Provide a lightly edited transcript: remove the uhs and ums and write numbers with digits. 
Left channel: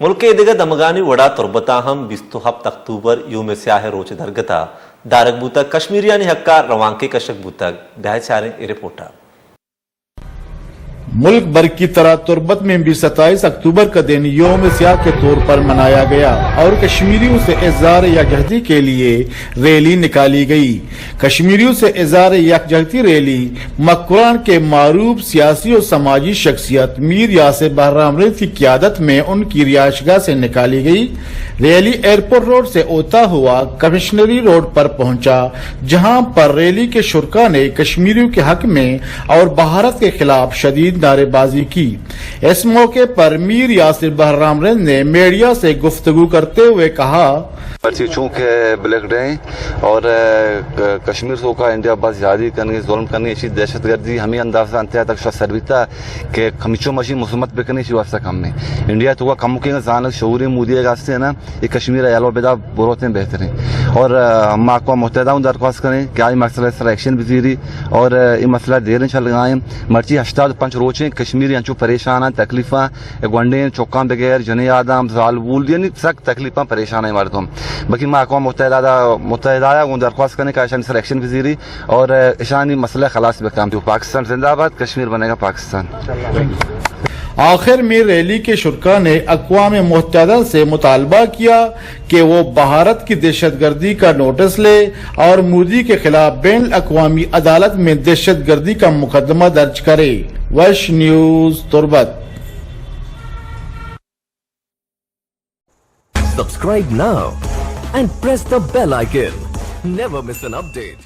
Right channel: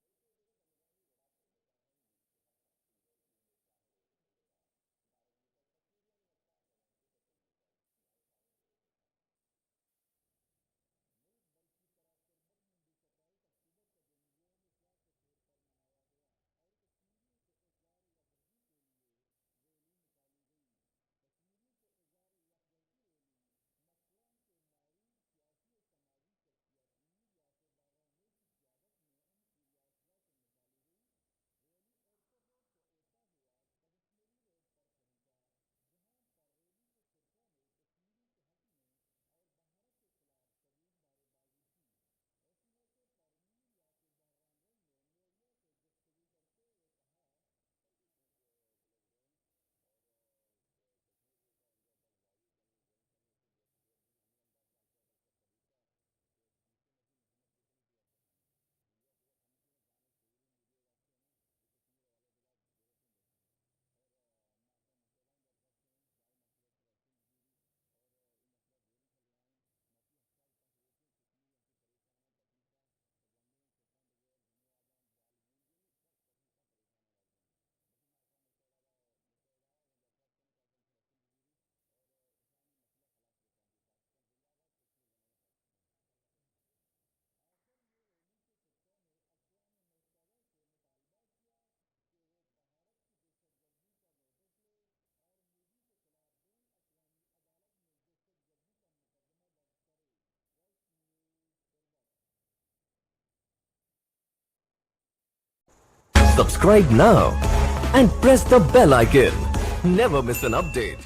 ملک دیگر دمگانی وڑا تربتا ہم 27 اکتوبر یوم سیاہ روچ درگتا دارک بوتا کشمیریانی حقا روانکے کشک بوتا گاہ چاریں رپورٹا ملک بھر کی طرح تربت میں بھی 27 اکتوبر کا دن یوم سیاہ کے طور پر منایا گیا اور کشمیریوں سے اظہار یکجہتی کے لیے ریلی نکالی گئی۔ کشمیریوں سے اظہار یکجہتی ریلی مکران کے معروف سیاسی اور سماجی شخصیت میر یاسر بہرام رض کی قیادت میں ان کی رہائش گاہ سے نکالی گئی۔ ریلی ایئرپورٹ روڈ سے ہوتا ہوا کمشنری روڈ پر پہنچا، جہاں پر ریلی کے شرکاء نے کشمیریوں کے حق میں اور بھارت کے خلاف شدید نعرے بازی کی۔ اس موقع پر میر یاسر بہرام رض نے میڈیا سے گفتگو کرتے ہوئے کہا، چونکہ بلیک ڈے اور کشمیر سو کا انڈیا بس زیادی کرنی ظلم کرنی اسی دہشت گردی ہمیں اندازہ انتہا تک سرویتا کہ ہمیشہ مشی مسلمت پہ کرنی واسطہ کم میں انڈیا تو کم کے زانک شعوری مودی واسطے نا یہ کشمیر ایلو بیدا بروتے بہتر ہیں اور ہم اقوام متحدہ درخواست کریں کہ آئی مسئلہ اس طرح ایکشن بزیری اور یہ مسئلہ دیر چل لگائیں مرچی 85 روچیں کشمیری انچو پریشان ہیں تکلیفاں گونڈیں چوکاں بغیر جنی آدم زال بول یعنی سخت تکلیفاں پریشان ہیں مردم باقی میں اقوام متحدہ درخواست کرنے کا ایشانی سلیکشن وزیری اور ایشانی مسئلہ خلاص بکام تو پاکستان زندہ آباد کشمیر بنے گا پاکستان۔ آخر میں ریلی کے شرکاء نے اقوام متحدہ سے مطالبہ کیا کہ وہ بھارت کی دہشت گردی کا نوٹس لے اور مودی کے خلاف بین الاقوامی عدالت میں دہشت گردی کا مقدمہ درج کرے۔ وش news Turbat. Subscribe now and press the bell icon. Never miss an update.